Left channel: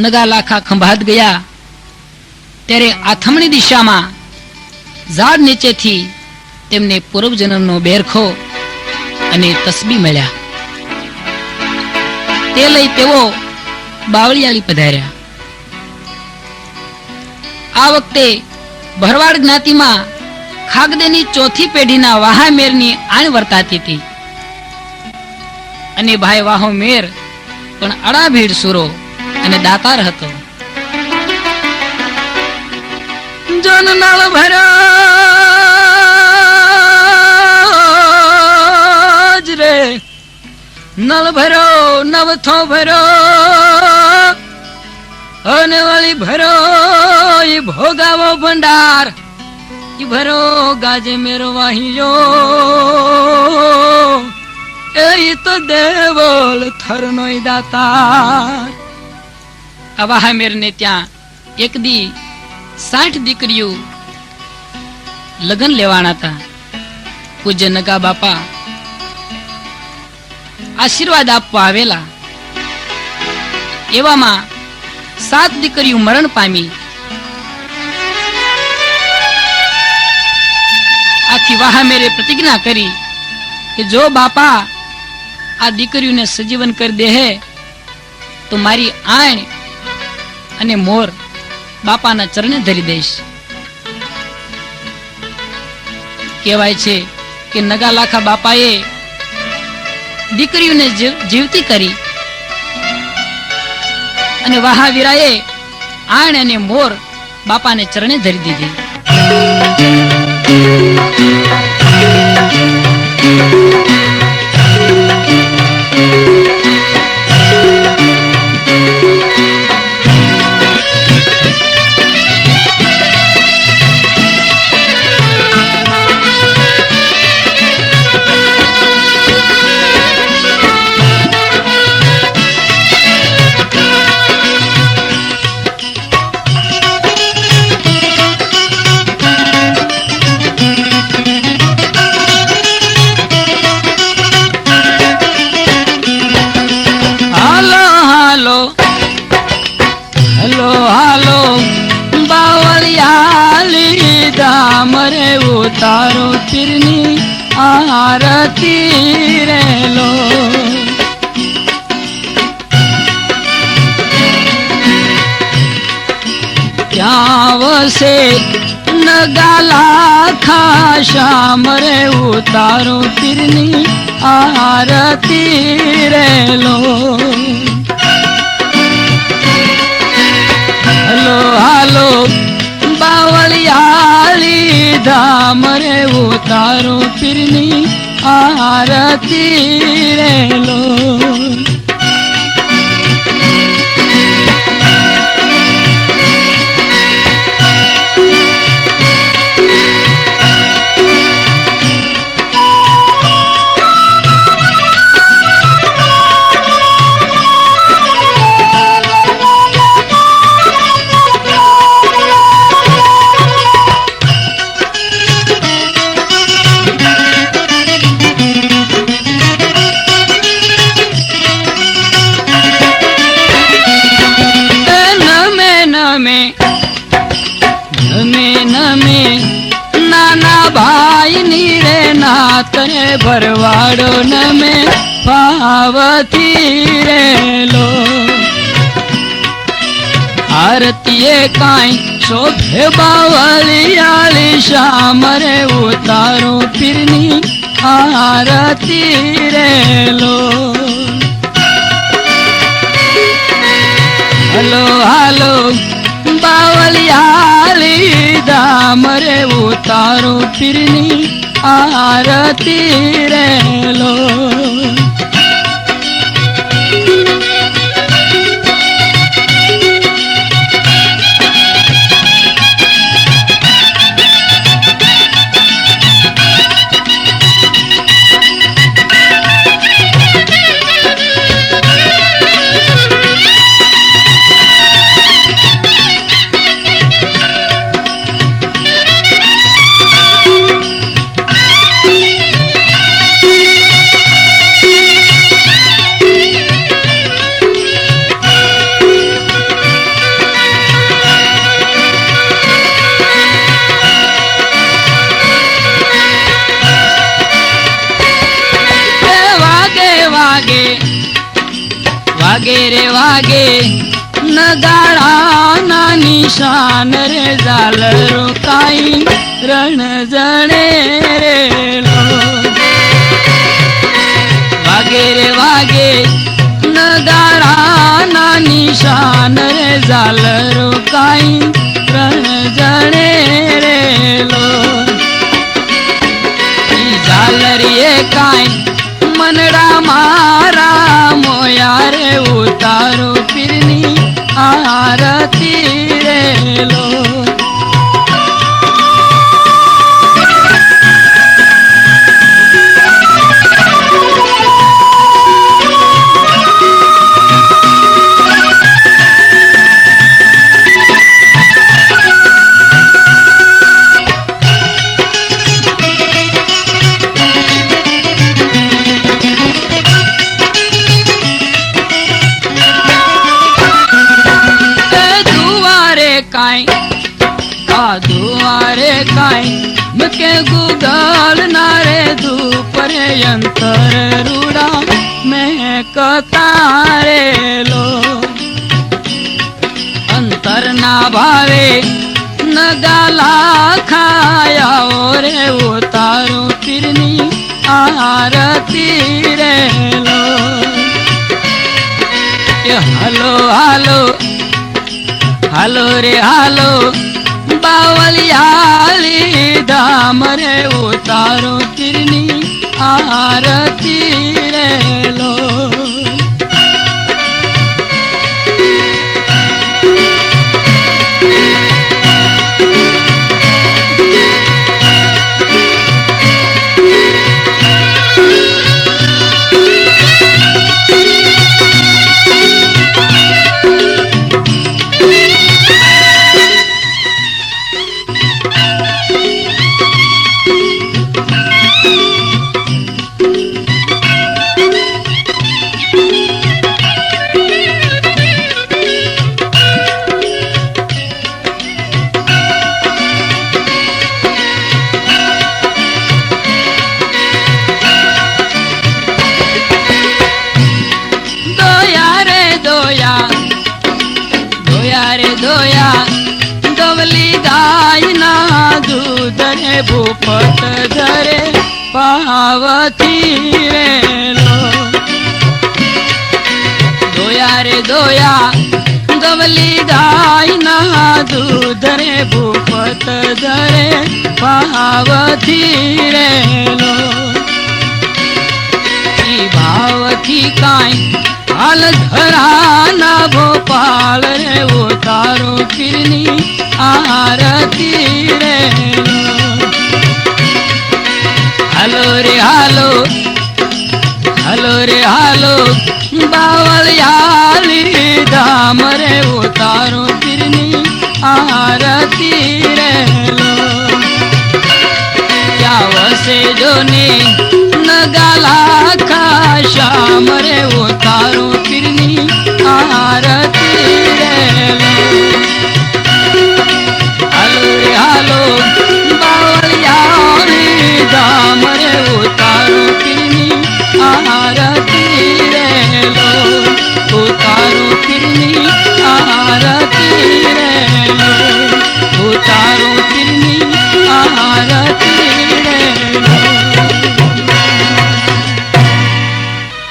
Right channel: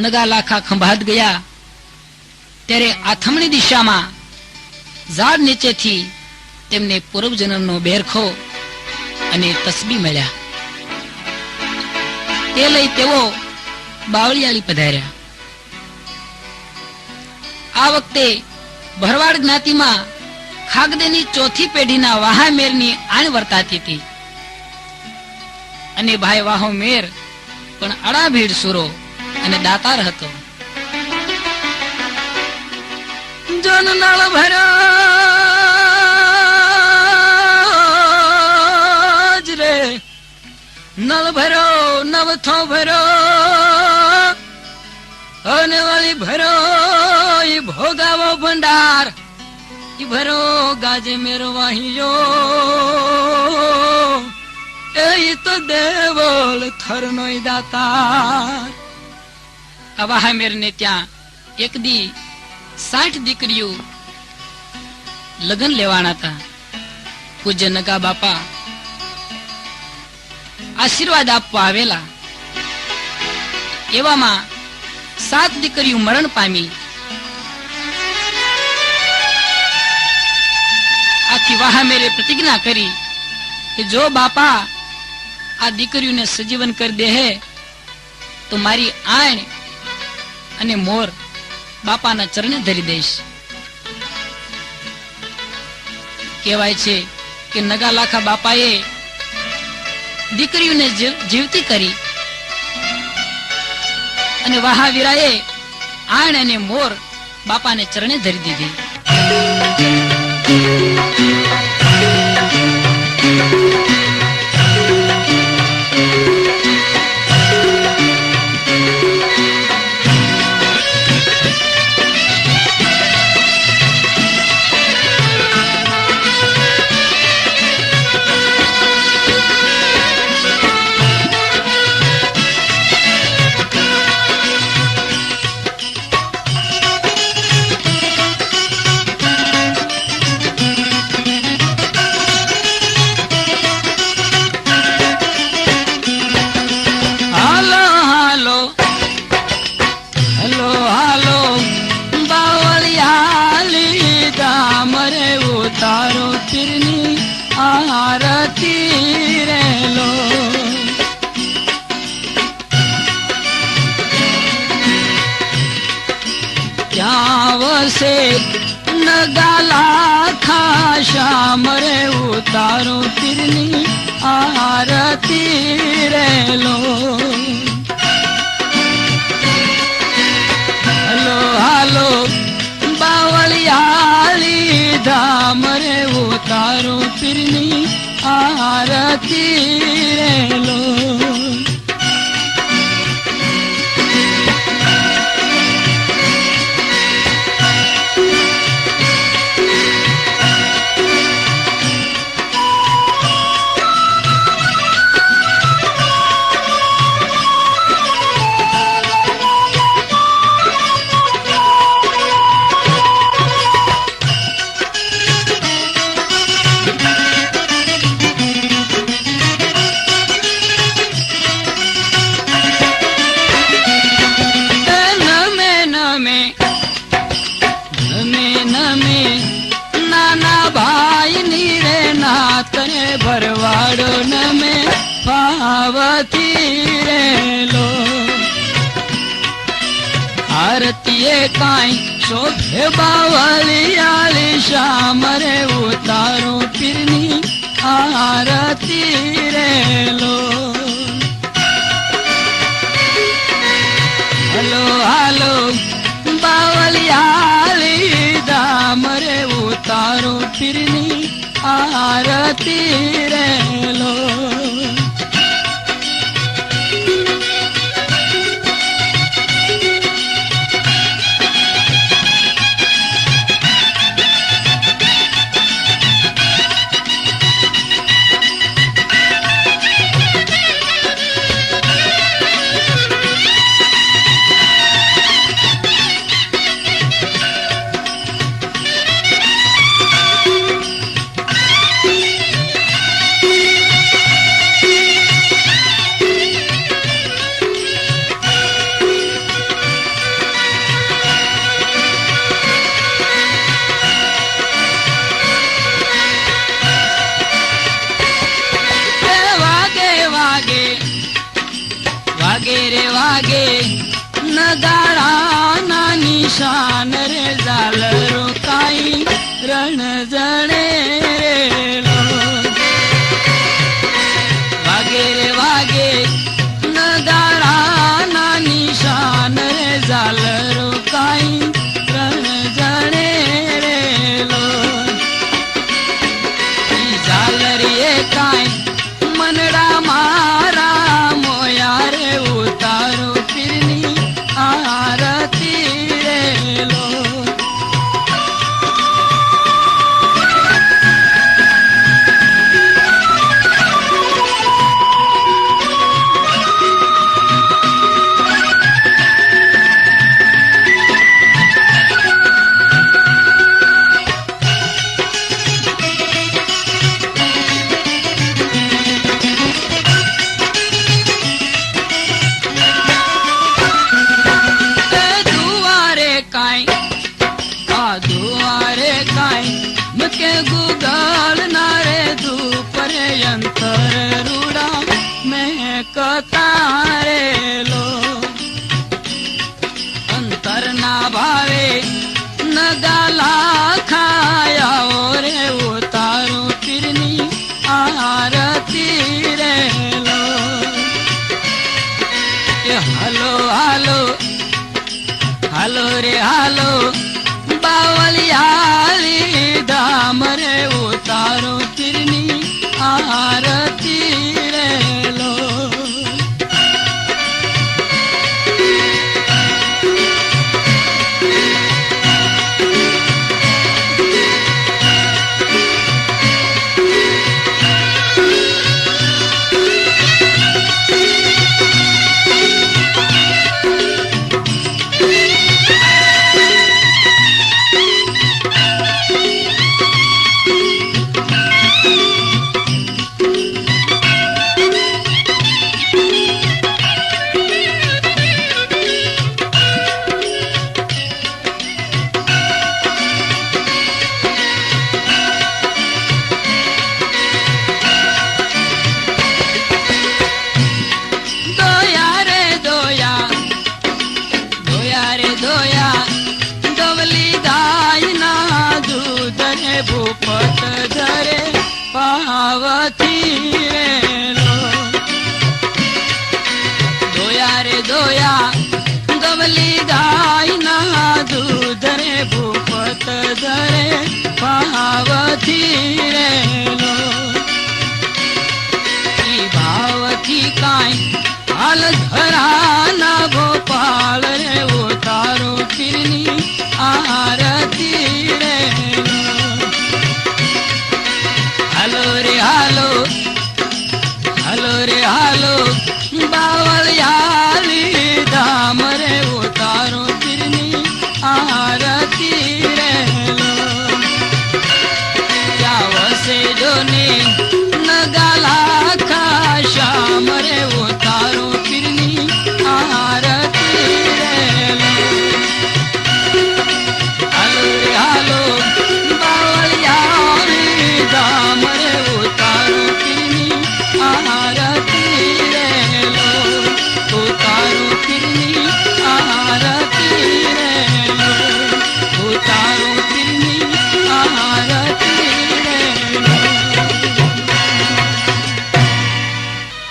નગા લાખા ખંભાત ગયા ત્યારે આથમણી દિશામાં ઝાડ નીચેથી તેમને પૂર્વજન્મનો બેરખો અને તસબી મળ્યા. તે લઈ તેઓ બાવળિયાળી પધાર્યા. આ વખતે ભરવાડ જ્ઞાતિમાં ખાગદેની ચોથી પેઢીના વાહામેરની આણ વર્તાતી હતી અને ભાઈ વાહો મેર પણ અડાભીડ સુરો અને દાતાર હતો. જન નળ ભરો રે નળ ભરો નવથો ભરો અને વાળી ભરો ઈ ભોગાવો ભંડાર ઈ ભરો ગાજે મેરો વાહિયો એ તો દેવલ થરનો દાતાર. આ વાહામેર ને ત્યાં એક દી 60 દીકરીઓ લગ્ન લેવાના હતા. પૂજ્ય નગા બાપા આશીર્વાદ આપવા આવેલા. એવામાં 7 દીકરીઓ મરણ પામી. આથી વાહામેરે પ્રતિજ્ઞા કરી કે જો બાપા આ દીકરીઓને સજીવન કરી દે તો મારી આણ અને મોર બાપાના ચરણે ધરી દઈશ. કહેવાય છે કે નગા લાખા બાપાએ દીકરીઓને જીવતી કરી અને વહાવીરાએ આણ અને મોર બાપાને ચરણે ધરી દીધી. તારો તીરની આરતી રેલો ત્યાં વસે નગા લાખા શ્યામ રે ઉતારો તીરની આરતી રેલો. હલો હાલો બાવળિયાળી ધામ રે ઉતારો પીરની આરતી રેલો. તને ભરવાડો નમે પાવતી રેલો. આરતીએ કાંઈ શોભે બાવળિયાળી શ્યામ રે ઉતારો પીરની આરતી રેલો. હલો હાલો બાવળિયાળી ધામ રે ઉતારો પીરની આરતી રેલો. નગારાના નિશાન રે ઝાલરો કાઈ રણ જણે રેલો વાગે રે વાગે નગારાના નિશાન રે ઝાલરો કાઈ રણ જણે રેલો ઝાલરીએ કાઈ મનડા મારા મોયા રે ઉતારો પીરની આરતી રેલો दुआरे काई मुके गुगल नारे धूपरे अंतर रूड़ा मैं कतारे लो अंतर ना भावे न गाला खाया रे उतारो पीरनी आरती रे लो हालो हालो हालो रे हालो बावलियाली धाम रे उतारो पीरनी आरती रे लो दोया दवली गाय ना दूध रे भूपत धरे पावती रेलो दोया रे दोया दवली गाय ना दूध रे भूपत धरे पावती रेलो भाव थी काई हाल धराना भोपाल रे उतारो पीरनी आरती रे हालो रे हालो हालो रे हालो बावलियाली धाम रे उतारो पीरनी आरती रे क्या वसे जो ने न गाला खा श्याम रे